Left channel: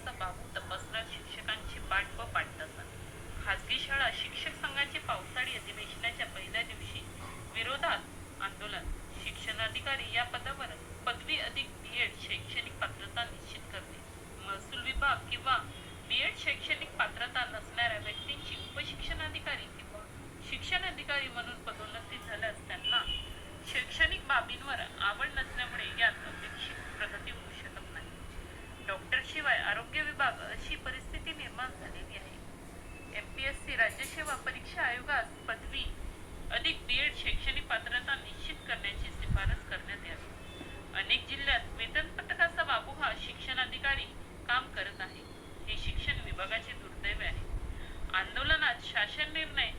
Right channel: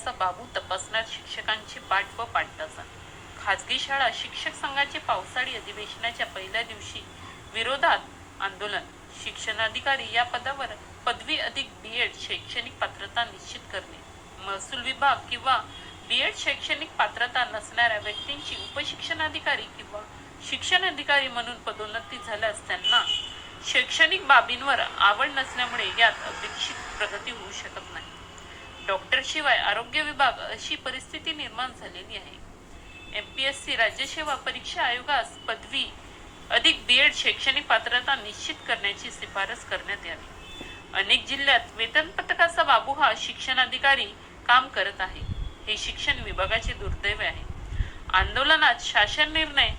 कसा बाबू तपासणार शिक्षकांची पाठ व पाठतासा। खाजगी शाळा शिक्षक संघाचे पावसाळी अधिवेशनाच्या पहिल्या दिवशी विरोधात आंदोलन। शिक्षणाधिकारी या पदावर पदवी अधिक बीएड शैक्षणिक पात्रता निश्चित करणे। महसूल विभाग किंवा बीएड शैक्षणिक पात्रता नसणाऱ्या व्यक्तींची उपशिक्षणाधिकारी किंवा शिक्षण अधिकारी म्हणून पदोन्नती झाल्यास त्यांना शैक्षणिक बाबींवर आवड नसल्यामुळे यात अपेक्षित प्रगती होऊ शकत नाही। डॉक्टर शिवाय आरोग्य विभाग अशी परिस्थिती निर्माण झालेली आहे। एमपीएससी राज्य सेवा परीक्षा आयोगास पदवी अधिक बीएड शैक्षणिक पात्रता निश्चित करण्याची शिफारस करण्यात यावी। अनेक जिल्ह्यात वेतन पथकाचा बाबू हा शिक्षणाधिकारी काम करत आहे, हे शिक्षण विभागाचे दुर्दैव आहे। आंदोलनात शासन निर्णय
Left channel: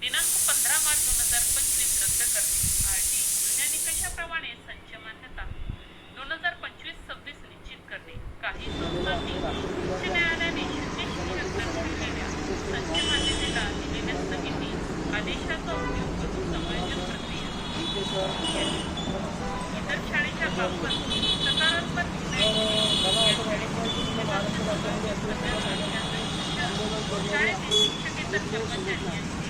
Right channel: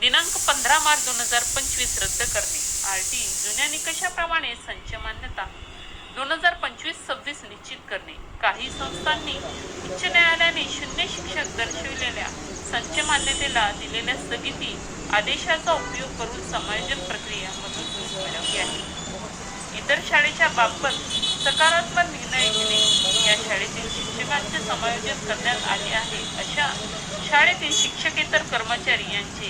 दिनांक 15 मार्च 2025 रद्द करणे। आरटी जुन्या निकषाप्रमाणे संच मान्यता 2025-26 निश्चित करणे। काही संस्थांनी उच्च न्यायालयाने शून्य शिक्षक दर्शविलेल्या संच मान्यतेला दिलेल्या स्थगिती आदेशाचा उपयोग करून समायोजन प्रक्रिया मधून घ्यावी। इतर शाळेच्या बाबत सकारात्मक निर्णय घेणे। या शाळेतील शिक्षकांचे समायोजन करण्यात आले आहे अशा शाळेतील शिक्षकेतर कर्मचारी यांचे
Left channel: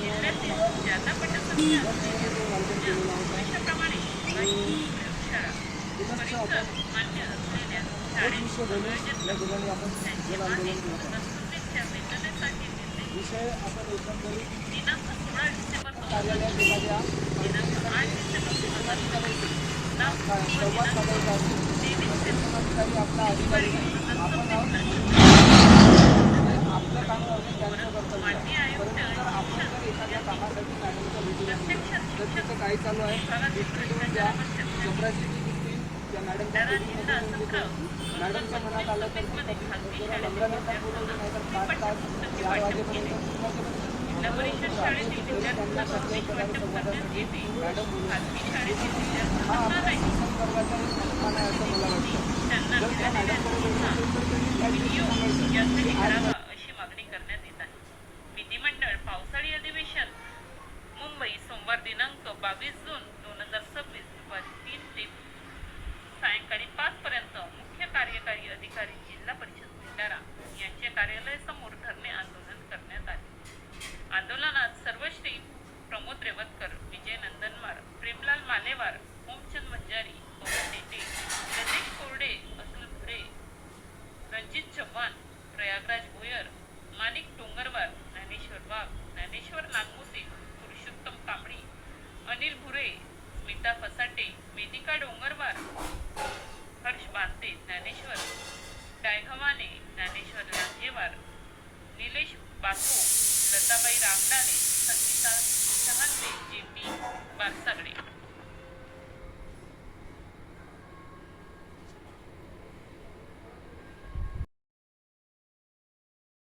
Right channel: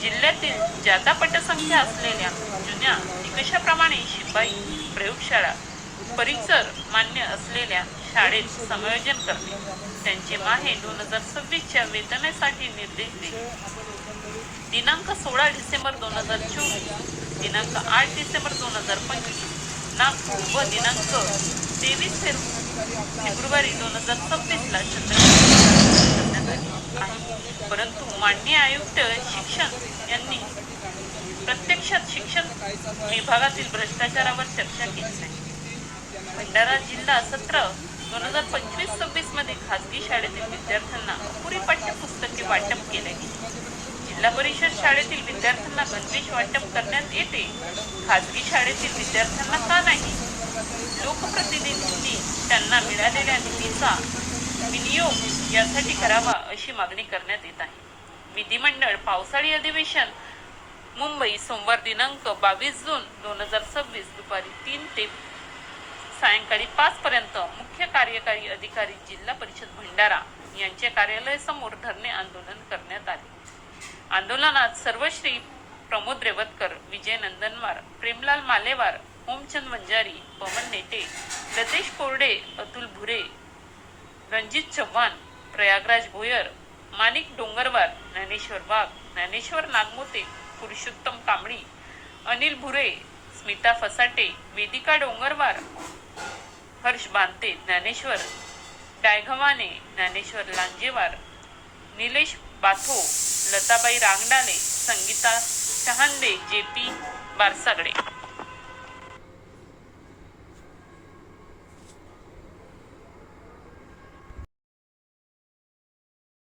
जिल्ह्यातील जादा पटसंख्या असलेल्या जुन्या निकषाप्रमाणे शिपाई प्रयोगशाळा परिसर मान्य असलेल्या शाळेत समायोजन करणे। त्यांचे माहे 2026च्या वेतनासाठी निर्देश देणे। दिनांक 16 डिसेंबर 2024, दिनांक 8 डिसेंबर 2025 व दिनांक 23 फेब्रुवारी 2026 ला परंतु माननीय आयुक्त शिक्षण यांनी प्रत्यक्षात शिक्षण विभागातील भ्रष्टाचारावर चर्चा केली। भंडारा जिल्हा सत्र 2025-26 मध्ये खाजगी शाळेतील विद्यार्थ्यांना पुरी पाठ्यपुस्तके वाटप केले। जिल्हा परिषद शाळेतील विद्यार्थ्यांना गणवेश वाटप करण्यात येते, खाजगी शाळेतील विद्यार्थ्यांना का नाही? लोकप्रतिनिधींनी त्यांना मिळालेल्या निधीचा विनियोग यासाठी करावा अशी मागणी करण्यात येत आहे। विधिमंडळ पावसाळी अधिवेशन मुंबई सोमवार दिनांक 22 जून 2026 दुपारी 3 ते सायंकाळी 5 पर्यंत मुख्य कार्यकारी अधिकारी जिल्हा परिषद भंडारा यांचे कार्यालय समोर धरणे आंदोलन करण्यात आले। आंदोलनात सर्वश्री प्रमोद रेवतकर, विजय नंदनवार, प्रेमलाल मालेवार, ओमचंद वंजारी, पवन नेटे, लतेश कोरडे, अतुल भुरे, रणजित चव्हाण, प्रयागराज भोयर, माणिक डोंगरवार, ज्ञानेश्वर वाघ, ज्ञानेश्वर नागमोते, पुरुषोत्तम कांबळी, अनिल भुरे, स्मिता फसाटे, वेदिका डोंगरवार, हर्ष बांते, ज्ञानेश्वर डायघवाने, ज्ञानेश्वर लांजेवार, निलेश बाथो, लताबाई रांगडाले, संगीता शहांदे, जेपी बारसागडे।